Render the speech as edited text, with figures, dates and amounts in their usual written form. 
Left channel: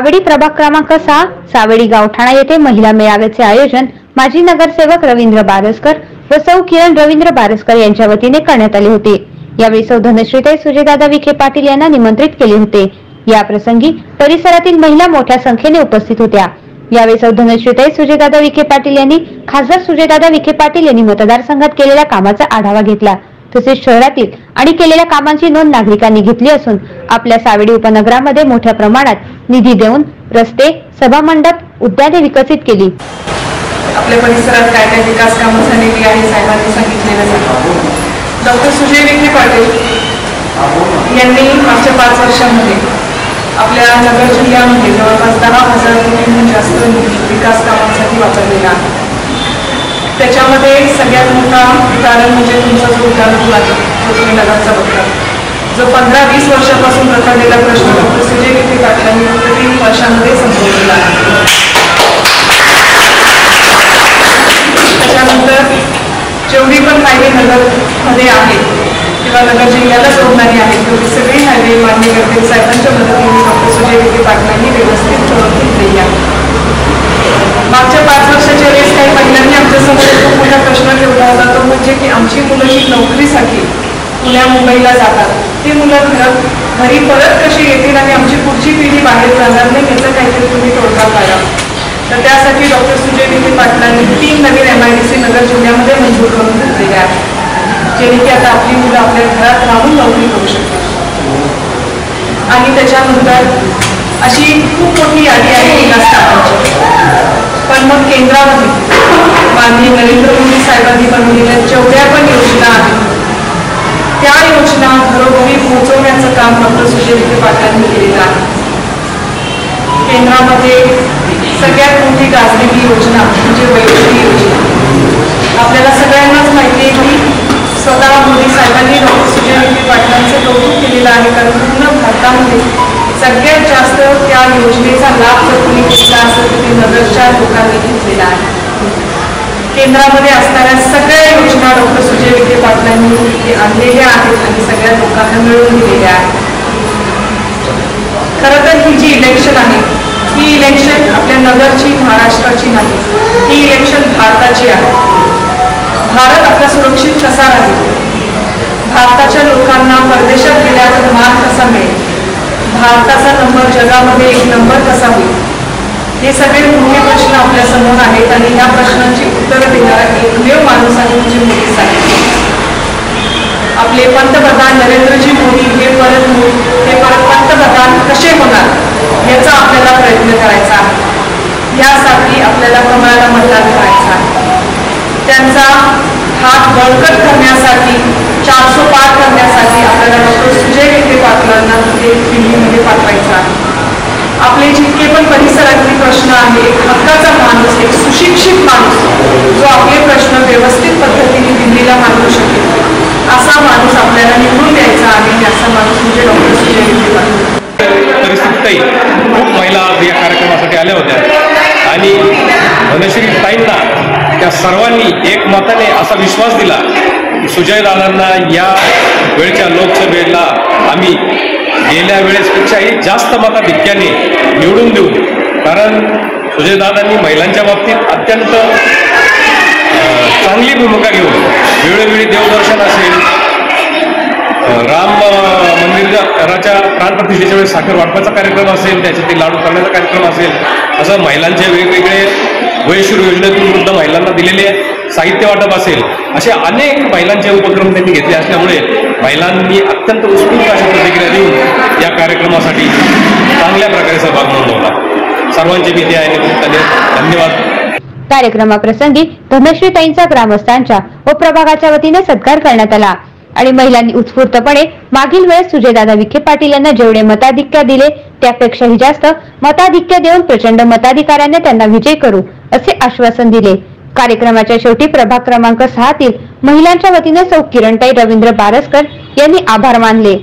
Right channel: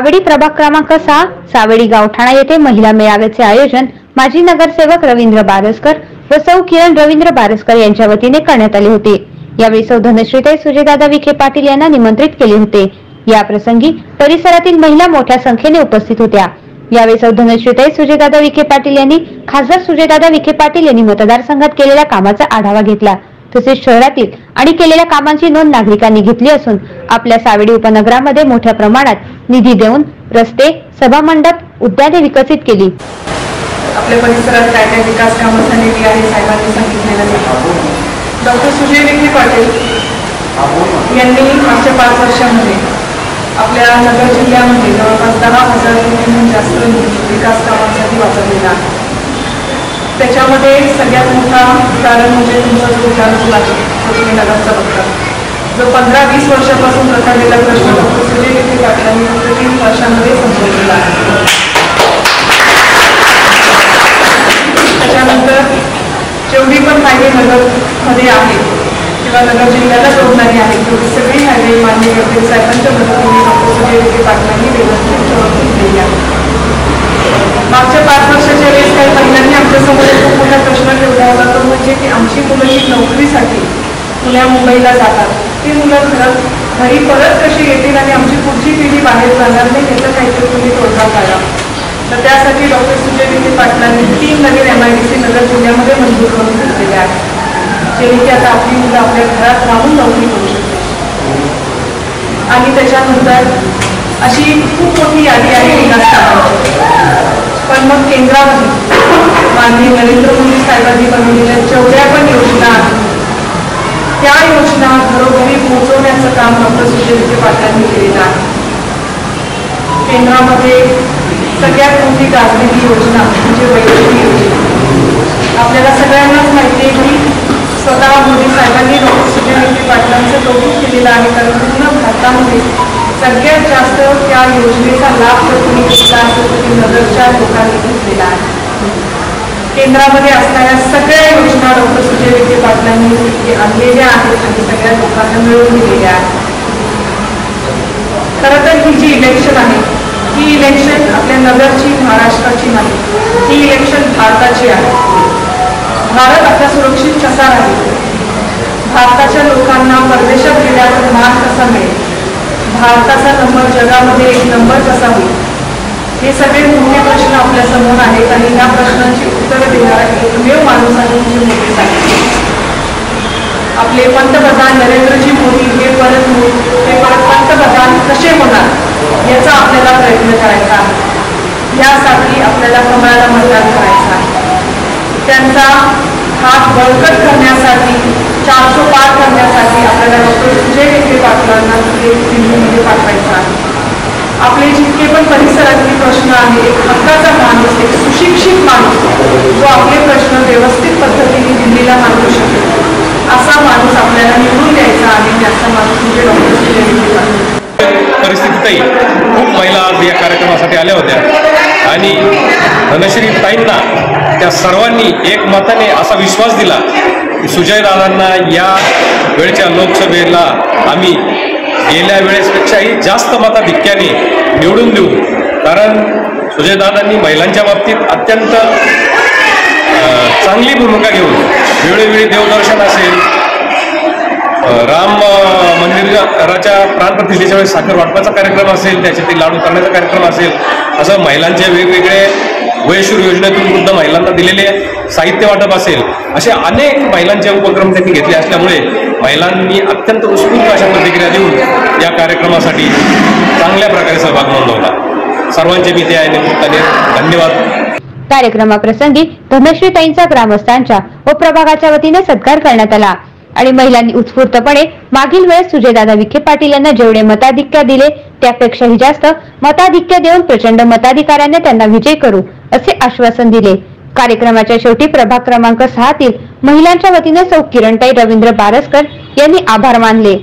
सावेडी प्रभाग क्रमांक 6 सावेडी गावठाणा येथे महिला मेळाव्याचे आयोजन माजी नगरसेवक रवींद्र बारसकर व सौ किरण रवींद्र बारसकर यांच्या वतीने करण्यात आले होते। यावेळी सौ धनश्रीताई सुजयदादा विखे पाटील यांना निमंत्रित केले होते। या प्रसंगी परिसरातील महिला मोठ्या संख्येने उपस्थित होत्या। यावेळी सौ धनश्रीताई सुजयदादा विखे पाटील यांनी खासदार सुजयदादा विखे पाटील यांनी मतदारसंघात केलेल्या कामाचा आढावा घेतला। तसेच शहरातील आणि केलेल्या कामांची नोंद नागरिकांनी घेतली असून आपल्या सावेडी उपनगरामध्ये मोठ्या प्रमाणात निधी देऊन रस्ते, सभा मंडप, उद्याने विकसित केली। आपल्या परिसरात काय काय विकास कामं झालेली आहे साहेबांनी सांगितलेलं आहे। डॉक्टर सुजय विखे पाटील यांनी मागच्या 5 वर्षांमध्ये आपल्या नगर जिल्ह्यामध्ये जवळपास 10,000 कोटींहून जास्त निधी विकास कामांसाठी वापरलेला आहे। त्याच्यामध्ये सगळ्यात मोठा कारण म्हणजे तुमचा जो उद्यान पूल आहे तो तुम्ही नगरचा बघता, जो 15-20 वर्षापासून रखडलेला प्रश्न डॉक्टर सुजय विखे पाटलांनी फक्त 3 वर्षांमध्ये संपवलेला आहे। त्याच्यानंतर जेवढी पण हायवे नगरमध्ये आहेत किंवा नगर जिल्ह्याला जोडणारी आहेत तेवढी सगळी हायवे मान्य गडकरी साहेबांच्या मदतीने डॉक्टर सुजय विखे पाटलांनी व्यवस्थित करून घेतलेली आहे। मागच्या 5 वर्षाच्या वेळेस काही महिलांनी आमच्यासमोर खूप मोठा प्रश्न ठेवला होता, तो म्हणजे की आमची मुलं जी नोकरीसाठी पुण्या मुंबईला जातात ती मुलं घरी परत कशी येतील आणि आमची पुढची पिढी बाहेर जाणार नाही याचा काहीतरी तुम्ही तोडगा काढा। तर त्यासाठी डॉक्टर सुजय विखे पाटलांनी 3 नवीन MIDC नगर जिल्ह्यामध्ये मंजूर करून घेतलेले आहेत, जेणे की आता आपली मुलं आपल्या घरात राहून नोकरी करू शकतात। आणि त्याच्यानंतर अशी खूप मोठी यादी आहे विकास कामांची। पण मग केंद्रामध्ये माननीय नरेंद्र मोदी साहेबांनी बनवलेल्या जेवढ्या पण योजना आहेत त्या योजना घरोघरी पोहोचवण्याचं काम डॉक्टर सुजय विखे पाटलांनी केलेलं आहे। केंद्रामध्ये सगळ्यात मोठी गाजलेली योजना म्हणजे वैद्यकीय योजना। आपल्याला सगळ्यांनाच माहिती आहे की स्वतः मोदी साहेबांनी डॉक्टर सुजय विखे पाटलांचं कौतुक केलेलं आहे, कारण पूर्ण भारतामध्ये सगळ्यात जास्त त्या योजनेचा लाभ जर कोणी घेतला असेल तर ते नगरच्या लोकांनी घेतलेला आहे। केंद्रामध्ये असणाऱ्या सगळ्या योजना डॉक्टर सुजय विखे पाटलांनी आणलेल्या आहेत आणि सगळ्या लोकांना मिळवून दिलेल्या आहेत। खरं तर ही जी इलेक्शन आहे ही इलेक्शन आपल्या नगरची, महाराष्ट्राची नाही, ही इलेक्शन भारताची आहे। भारत आपला सुरक्षित कसा राहील, भारताच्या लोकांना परदेशात गेल्यावर मान कसा मिळेल, भारताचा नंबर जगामध्ये 1 नंबर कसा होईल, हे सगळे मोठे प्रश्न आपल्या समोर आहेत आणि या प्रश्नांची उत्तरं देणारा एकमेव माणूस आहे म्हणजे मोदी साहेब। आपले पंतप्रधान नरेंद्रजी मोदी हे परत पंतप्रधान कसे होणार याचा आपल्याला प्रयत्न करायचा आहे। यासाठी आपल्याला कमळाला मतदान करायचं आहे। त्यांचा हात बळकट करण्यासाठी, 400 पार करण्यासाठी आपल्याला डॉक्टर सुजय विखे पाटलांना दिल्लीमध्ये पाठवायचं आहे। आपले जितके पण परिसरातले प्रश्न आहे, एक हक्काचा माणूस, एक सुशिक्षित माणूस जो आपले प्रश्न व्यवस्थित पद्धतीने दिल्लीला मांडू शकेल असा माणूस आपल्याला निवडून द्यायचा आहे। असा माणूस म्हणजे डॉक्टर सुजय विखे पाटील। परिस्थितीतही खूप महिला या कार्यक्रमासाठी आल्या होत्या आणि धनश्रीताईंना त्या सर्वांनी एक मताने असा विश्वास दिला की सुजयदादांना या वेळच्या लोकसभेला आम्ही गेल्या वेळेसपेक्षाही जास्त मताधिक्याने निवडून देऊ। कारण सुजयदादांनी महिलांच्या बाबतीत अत्यंत चांगली भूमिका घेऊन वेळोवेळी देवदर्शन असेल, राम मंदिराच्या प्राणप्रतिष्ठेच्या वेळेस साखर वाटपाचा कार्यक्रम असेल, त्याच्यातील लाडू करण्याचा कार्यक्रम असेल, असं महिलांचे वेगवेगळे वयश्री योजनेतून वृद्ध महिलांना दिलेले साहित्य वाटप असेल, असे अनेक महिलांचे उपक्रम त्यांनी घेतले असल्यामुळे महिलांनी अत्यंत उत्स्फूर्त अशा प्रतिक्रिया देऊन या कार्यक्रमासाठी चांगल्या प्रकारे सहभाग नोंदवला। सर्वांचे मी त्या निमित्ताने धन्यवाद। कार्यक्रमाप्रसंगी धनश्रीताईंचा ग्रामस्थांच्या व प्रभागाच्या वतीने सत्कार करण्यात आला आणि महिलांनी उत्स्फूर्तपणे मागील वेळेस सुजयदादा विखे पाटील यांना जेवढे मताधिक्य दिले त्यापेक्षाही जास्त मताधिक्य देऊन प्रचंड मताधिकाऱ्याने त्यांना विजय करू असे आश्वासन दिले। कार्यक्रमाच्या शेवटी प्रभाग क्रमांक 6 तील महिलांच्या वतीने सौ किरणताई रवींद्र बारसकर यांनी आभार मानले।